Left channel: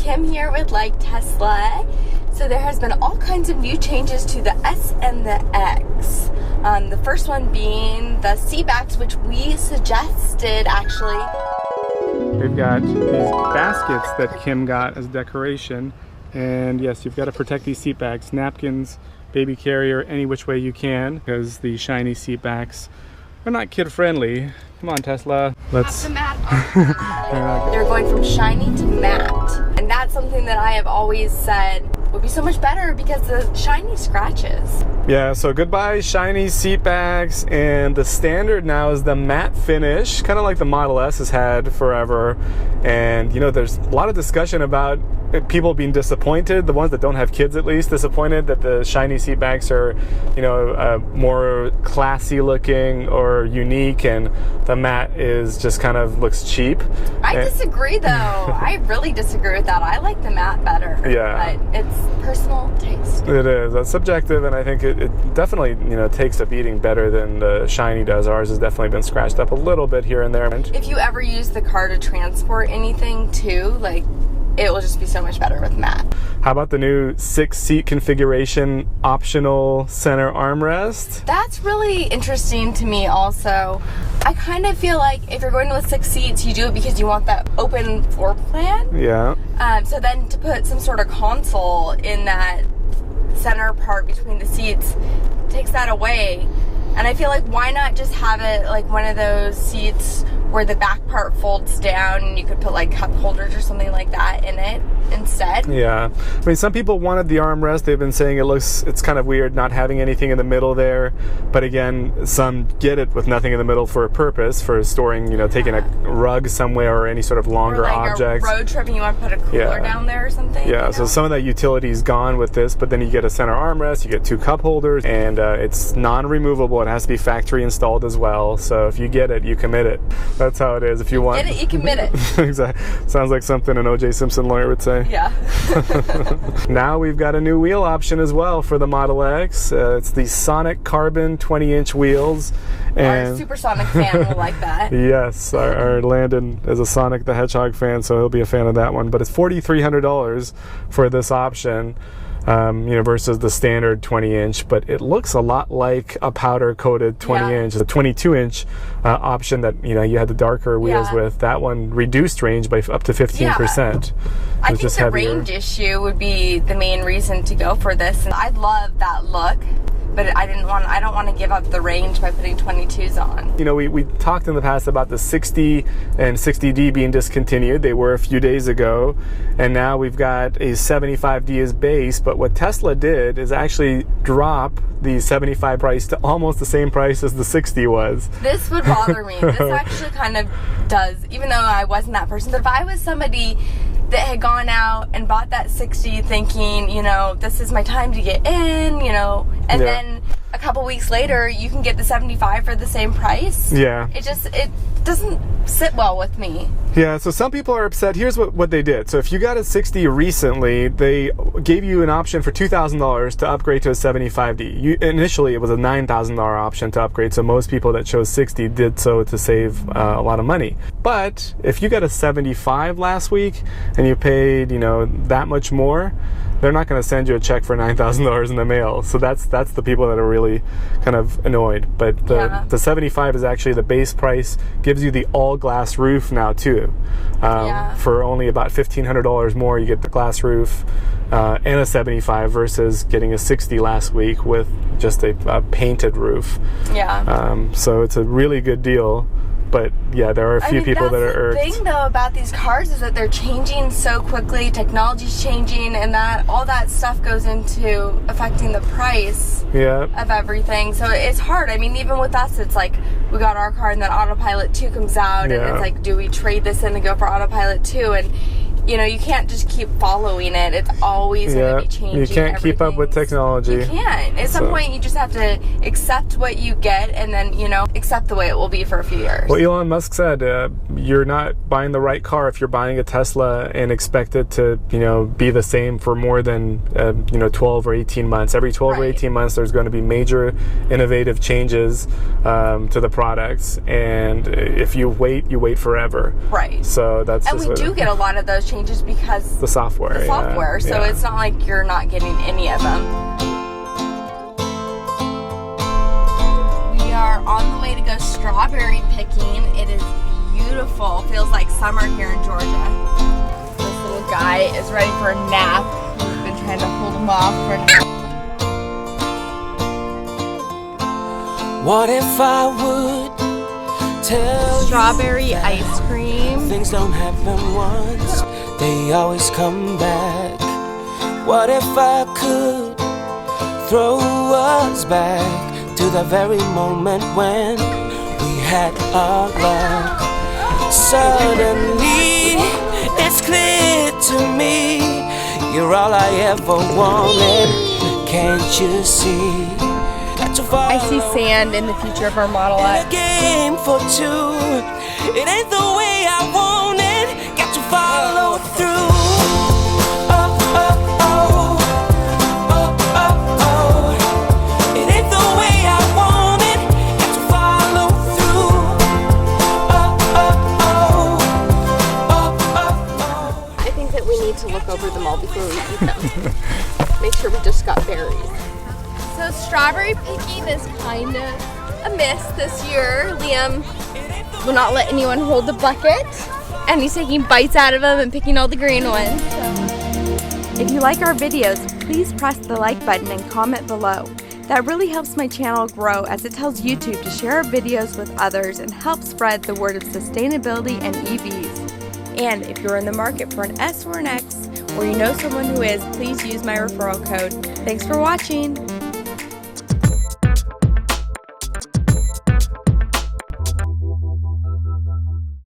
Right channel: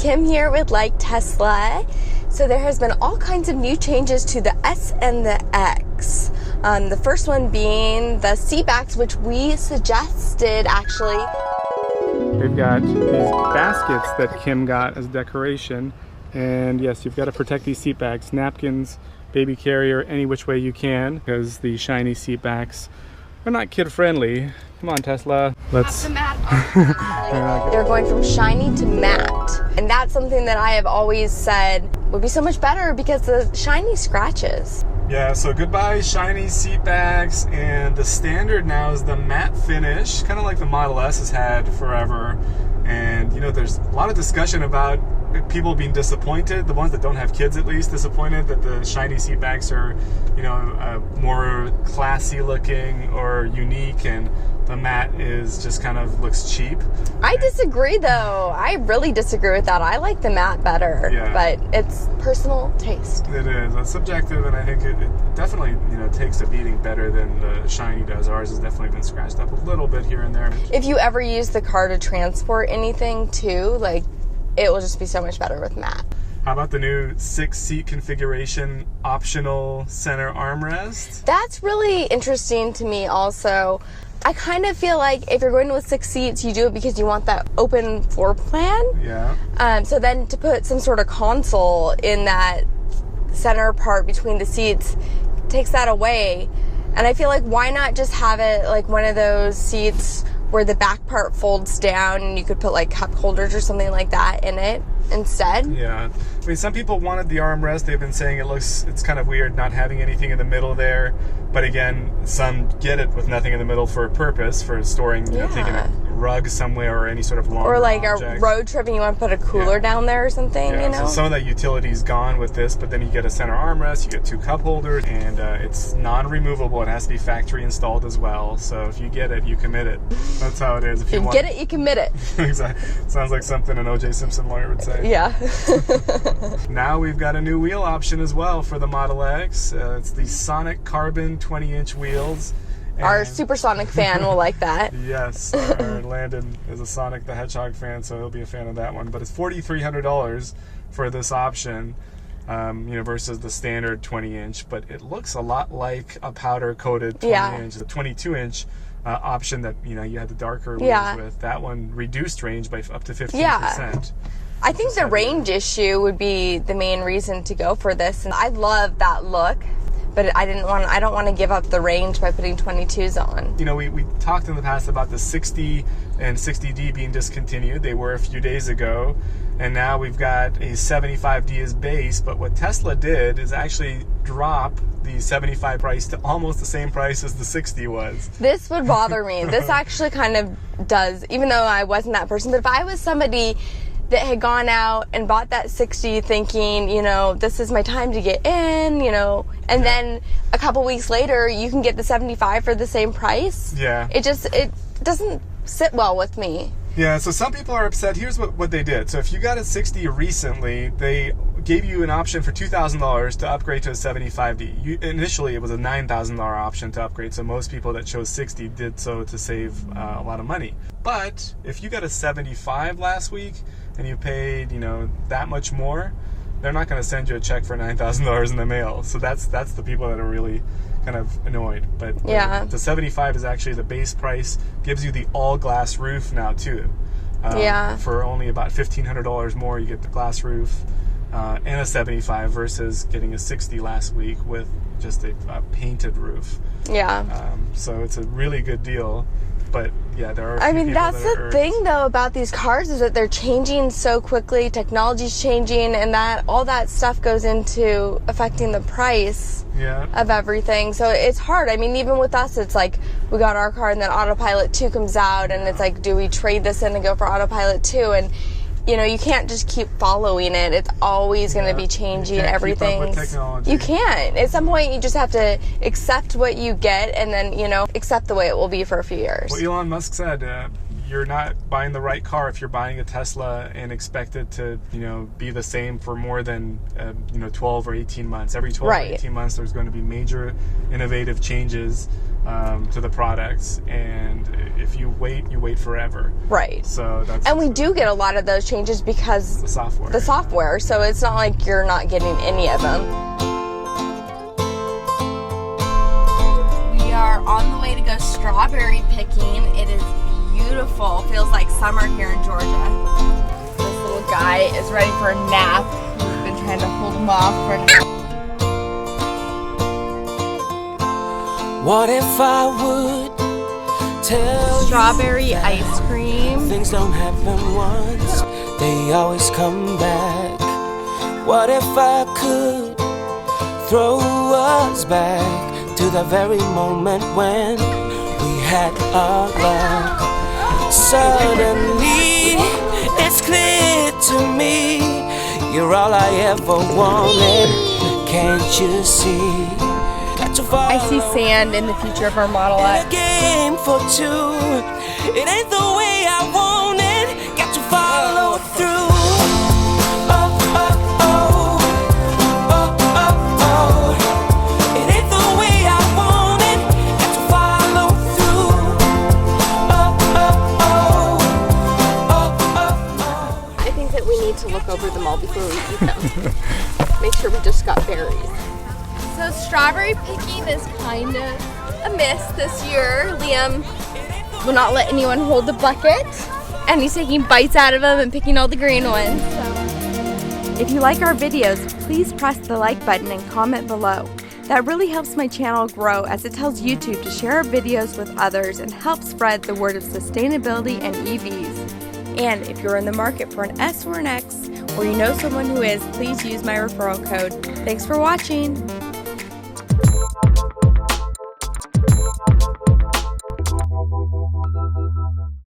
Kim here with Like Tesla. So there has been all kinds of new changes to the S and the X. The first one being the seat backs, which we suggested actually. We've got these baskets that Kim got as decoration. And yes, you've got to protect these seat backs, napkins, baby carrier, any which way you can, because the shiny seat backs are not kid friendly. Come on, Tesla. Let's. The matte They're going from shiny to matte. And that's something that I have always said would be so much better because the shiny scratches. Yeah, so goodbye shiny seat backs, and the standard now is the matte finish, kind of like the Model S has had forever. And you know, there's a lot of discussion about people being disappointed, the ones that don't have kids at least, disappointed that the shiny seat backs are, you know, more classy looking or unique, and the matte is just kind of looks cheap. I disagree though. I really disagree with that. I like the matte better. Yeah. But it's personal taste. It is. That's subjective, and I think it definitely, you know, takes a beating better than the shiny does. Ours has definitely been scratched up a little bit here and there. If you ever use the car to transport anything too, like, it will just be so much better with matte. How about the new 6-seat configuration optional center armrest? That's really interesting to me also. I kind of feel like if you're going with 6 seats, you do it because you want that open floor plan. Yeah. So then to put some sort of console in that center part between the seats takes that away. And I feel like why not just have it like one of those seats where the back part folds down and you could put like cup holders or something like that in it instead. Yeah. I mean, some people wanted the armrest. They've been saying it's kind of weird not having anything in the middle there. But again, some get it with nothing in the middle for a purpose, for storing, you know, taking a rug somewhere or any sort of longer or like objects. A road trip and you want to put a cooler down there or something. Yeah, you know? So some of that utility is gone with this, but then you get a center armrest, you get 2 cup holders, and it's non-removable. It has to be factory installed as well. So if you get it, you commit it. That's how it is. If you want, get it, you commit it. Exactly. Sounds like something an O.J. Simpson lawyer would say. Yeah. Now we've got a new wheel option as well for the Model X. It's the Sonic Carbon 20-inch wheels. And our supersonic fan will like that. Yes, our Landon is a Sonic the Hedgehog fan, so he'll be a fan of that one. But it's $4,300 for this option, you know, versus the standard 20-inch. But it looks a lot like a powder-coated 20-inch. The 22-inch option that, you know, you had the darker wheels with. That one reduced range by up to 15%. Yeah. I think the range issue would be the main reason to go for this. And I love that look, but I don't want to give up the range by putting 22s on. You know, we talked in the past about the 60 and 60D being discontinued. They were a few days ago, and now we've got a 75D as base. But what Tesla did is actually drop the 75 price to almost the same price as the 60 was. This would bother me. This actually kind of does, even though I wasn't that person. But if I was somebody that had gone out and bought that 60 thinking, you know, this is my time to get in, you know, and then a couple weeks later you can get the 75 for the same price. Yeah. It doesn't sit well with me. Yeah, so some people are upset. Here's what they did. So if you got a 60 recently, they gave you an option for $2,000 to upgrade to a 75D. Initially, it was a $9,000 option to upgrade, so most people that chose 60 did so to save a lot of money. But if you got a 75 last week and you paid, you know, that much more, they're not going to send you a check for $9,000 in the mail. So that's the people that are really kind of annoyed. But the 75 is actually the base price, gives you the all glass roof now too. For only about $1,500 more, you get the glass roof and a 75 versus getting a 60 last week with just a painted roof. Yeah. So it's a really good deal. But yeah, there are a few people that are irked. That's the thing though about these cars is that they're changing so quickly. Technology's changing, and that all that stuff goes into affecting the price of everything. So it's hard. I mean, even with us, it's like we got our car and then Autopilot 2 comes out, and it's like, do we trade this in and go for Autopilot 2? And you know, you can't just keep following it. It's always going to be changing. You can't everything. keep up with technology. You can't. At some point, you just have to accept what you get and then, you know, accept the way it will be for a few years. Well, Elon Musk said you're not buying the right car if you're buying a Tesla and expect it to, you know, be the same for more than, you know, 12 or 18 months. Every 12 or 18 months, there's going to be major innovative changes to the products, and if you wait forever. Right. So that's. And we do get a lot of those changes because the software. So it's not like you're not getting any of them. We are on the way to go strawberry picking. It is beautiful. Feels like summer here in Georgia. This little guy is ready for a nap. We've been trying to hold him off for a nap. What if I would tell strawberry you ice cream? Things don't happen once, they always come back. What if I could throw us back to the very moment when we had our love? Suddenly, it's clear to me, you're all I ever wanted. Can't you see? I see sand in the future of our Model X. A game for two. It ain't the way I want it. Got to follow through. Oh, oh, oh. Oh, oh, oh. It ain't the way I want it. Got to follow through. Oh, oh, oh. Oh, oh, oh. I think that we need to look over them all before we eat them. Make sure we just got berries. So strawberry picking is kind of a miss this year. Liam will not let anyone hold the bucket, and he's taking bites out of them and picking all the green ones. So. If you like our videos, please press the like button and comment below. That really helps my channel grow, as it tells YouTube to share our videos with others and help spread the word of sustainability and EVs. And if you're in the market for an S or an X, or you know someone who is, please use my referral code. Thanks for watching.